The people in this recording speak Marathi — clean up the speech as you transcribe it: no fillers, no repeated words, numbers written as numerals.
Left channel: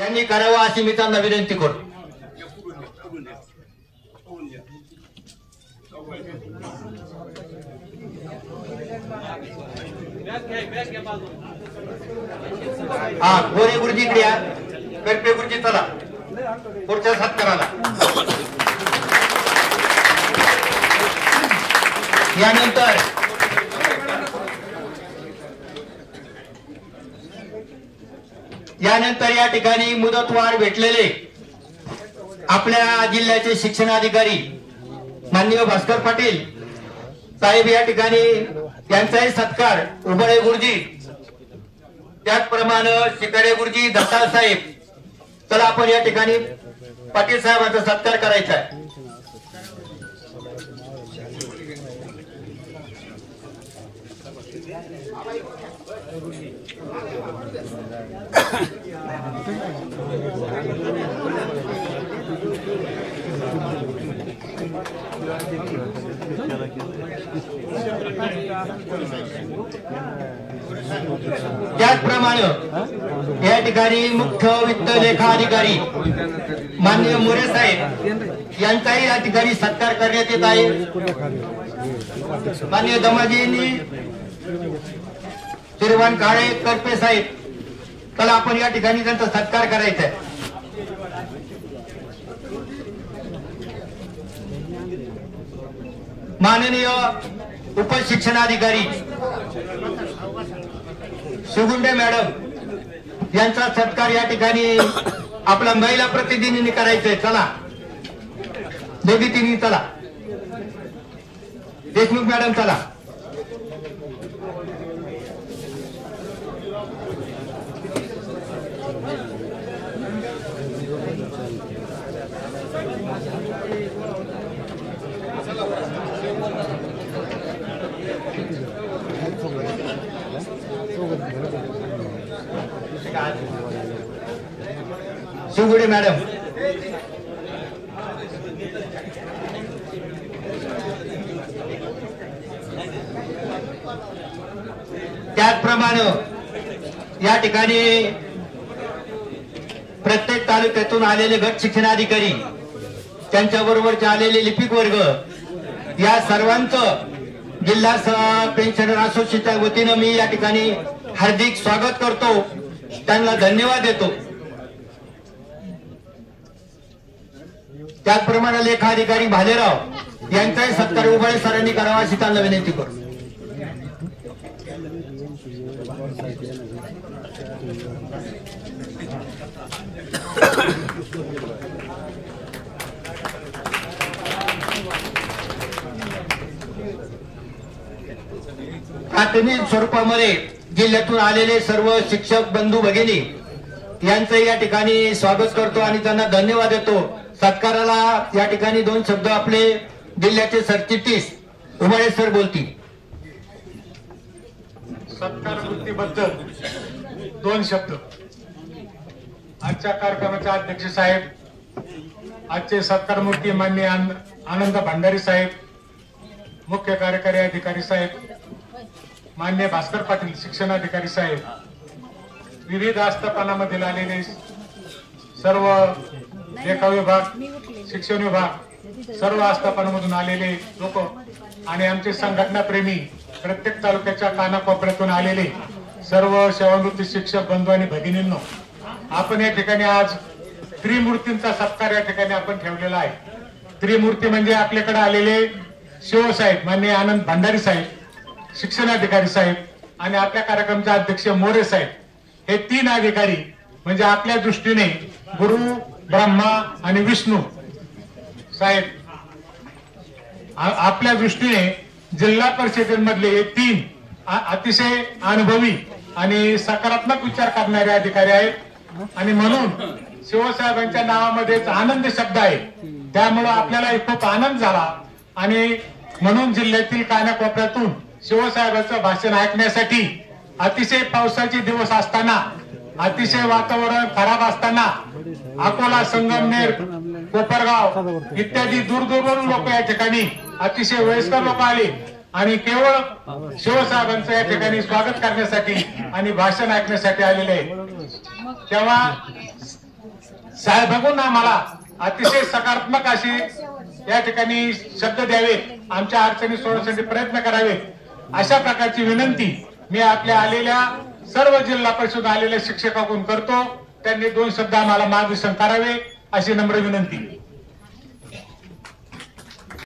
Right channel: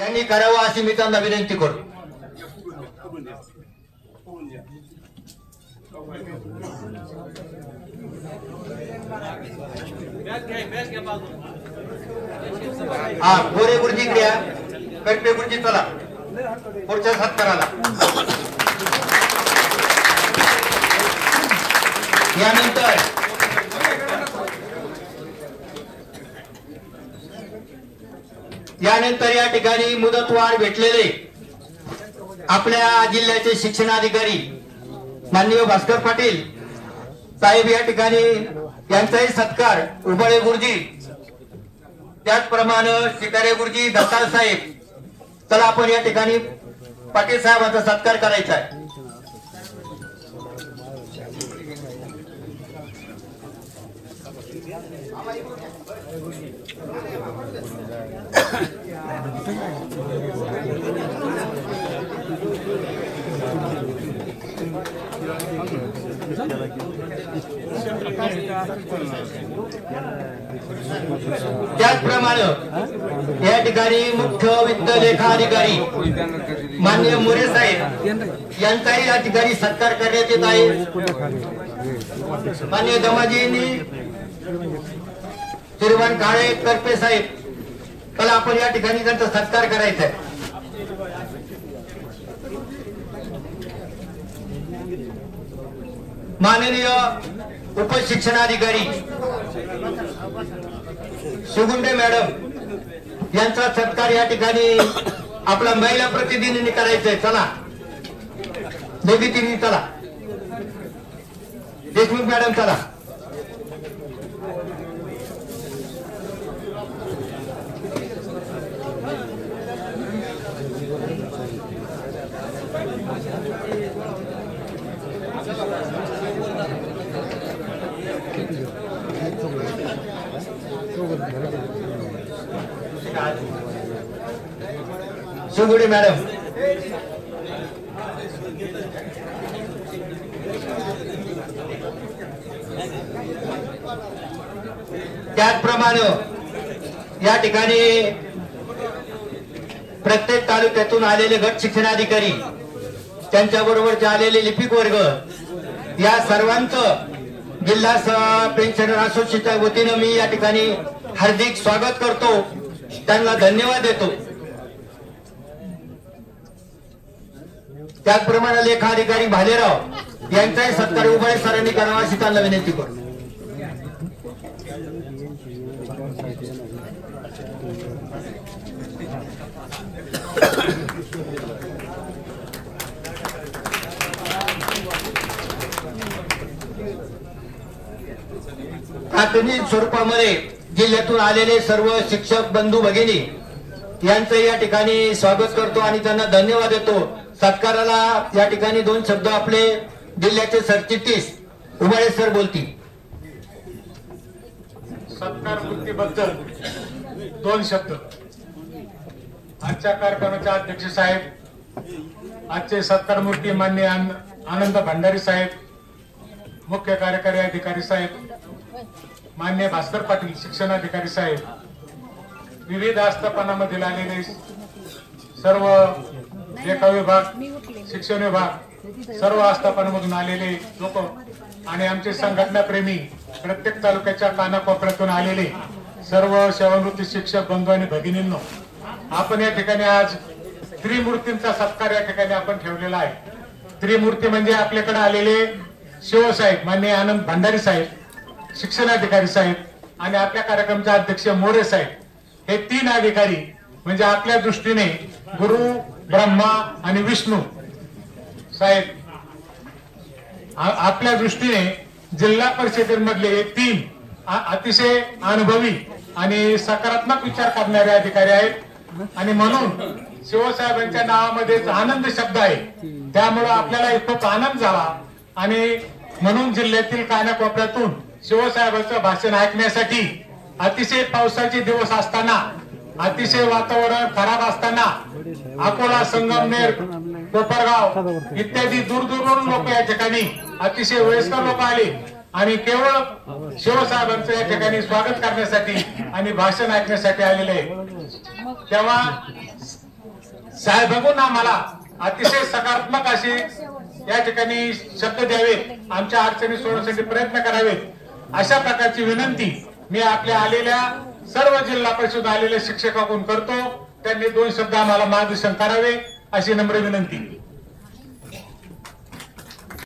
यांनी करावा अशी मी त्यांना विनंती करतो। गोरे गुरुजी इकडे या, करपे गुरुजी चला पुढच्या सत्काराला। यानंतर या ठिकाणी मुदतवाढ भेटलेले आपल्या जिल्ह्याचे शिक्षणाधिकारी माननीय भास्कर पाटील साहेब या ठिकाणी यांचाही सत्कार उबळे गुरुजी, त्याचप्रमाणे शिकारे गुरुजी, दत्ताळ साहेब, चला आपण या ठिकाणी पाटील साहेबांचा सत्कार करायचा आहे। त्याचप्रमाणे या ठिकाणी मुख्य वित्त लेखा अधिकारी माननीय मोरे साहेब यांचाही या ठिकाणी सत्कार करण्यात येत आहे। माननीय दमाजींनी, श्रीमान काळे, करपे साहेब, चला आपण या ठिकाणी त्यांचा सत्कार करायचा आहे। माननीय उपशिक्षणाधिकारी सुगुंडे मॅडम यांचा सत्कार या ठिकाणी आपला महिला प्रतिनिधींनी करायचा आहे। चला दोघी तिघी चला, देशमुख मॅडम चला। सुगुडे मॅडम, त्याचप्रमाणे या ठिकाणी प्रत्येक तालुक्यातून आलेले गट शिक्षणाधिकारी, त्यांच्याबरोबरचे आलेले लिपिक वर्ग, या सर्वांचं जिल्हा पेन्शनर असोसिएशनच्या वतीनं मी या ठिकाणी हार्दिक स्वागत करतो, त्यांना धन्यवाद देतो। त्याचप्रमाणे लेखा अधिकारी भालेराव यांचाही सत्कार उबळे सरांनी करावा अशी त्यांना विनंती करतो। प्राथमिक स्वरूपामध्ये जिल्ह्यातून आलेले सर्व शिक्षक बंधू भगिनी यांचं या ठिकाणी स्वागत करतो आणि त्यांना धन्यवाद देतो। सत्काराला या ठिकाणी दोन शब्द आपले जिल्ह्याचे सरचिटणीस उबळे सर बोलतील। सत्कार वृत्तीबद्दल दोन शब्द। आजच्या कार्यक्रमाचे अध्यक्ष साहेब, आजचे सत्कार मूर्ती माननीय आनंद भंडारी साहेब, मुख्य कार्यकारी अधिकारी साहेब, माननीय भास्कर पाटील शिक्षणाधिकारी साहेब, विविध आस्थापनांमध्ये आलेले सर्व लेखा विभाग, शिक्षण विभाग, सर्व आस्थापनांमधून आलेले लोक आणि आमचे संघटना प्रेमी, प्रत्येक तालुक्याच्या कानाकोपऱ्यातून आलेले सर्व सेवानिवृत्त शिक्षक बंधू आणि भगिनींनो, आपण या ठिकाणी आज त्रिमूर्तींचा सत्कार या ठिकाणी आपण ठेवलेला आहे। त्रिमूर्ती म्हणजे आपल्याकडे आलेले शिवसाहेब माननीय आनंद भंडारी साहेब, शिक्षणाधिकारी साहेब आणि आपल्या कार्यक्रमाचे अध्यक्ष मोरे साहेब, हे तीन अधिकारी म्हणजे आपल्या दृष्टीने गुरु, ब्रह्मा आणि विष्णू साहेब, आपल्या दृष्टीने जिल्हा परिषदेमधले हे तीन अतिशय अनुभवी आणि सकारात्मक विचार करणारे अधिकारी आहेत आणि म्हणून शिवसाहेबांच्या नावामध्येच आनंद शब्द आहे, त्यामुळे आपल्याला खूप आनंद झाला आणि म्हणून जिल्ह्यातील कानाकोपऱ्यातून शिवसाहेबांचं भाषण ऐकण्यासाठी अतिशय पावसाचे दिवस असताना, अतिशय वातावरण खराब असताना अकोला, संगमनेर, कोपरगाव इत्यादी दूरवरून लोक या ठिकाणी, अतिशय वयस्कर लोक आले आणि केवळ शिवसाहेबांचं या ठिकाणी स्वागत करण्यासाठी आणि भाषण ऐकण्यासाठी आलेले आहे। तेव्हा साहेब बघून आम्हाला अतिशय सकारात्मक अशी या ठिकाणी शब्द द्यावेत, आमच्या अडचणी सोडवण्यासाठी प्रयत्न करावेत अशा प्रकारची विनंती मी आपल्या आलेल्या सर्व जिल्हा परिषद आलेल्या शिक्षकांकडून करतो. त्यांनी 2 शब्द आम्हाला मार्गदर्शन करावे अशी नम्र विनंती.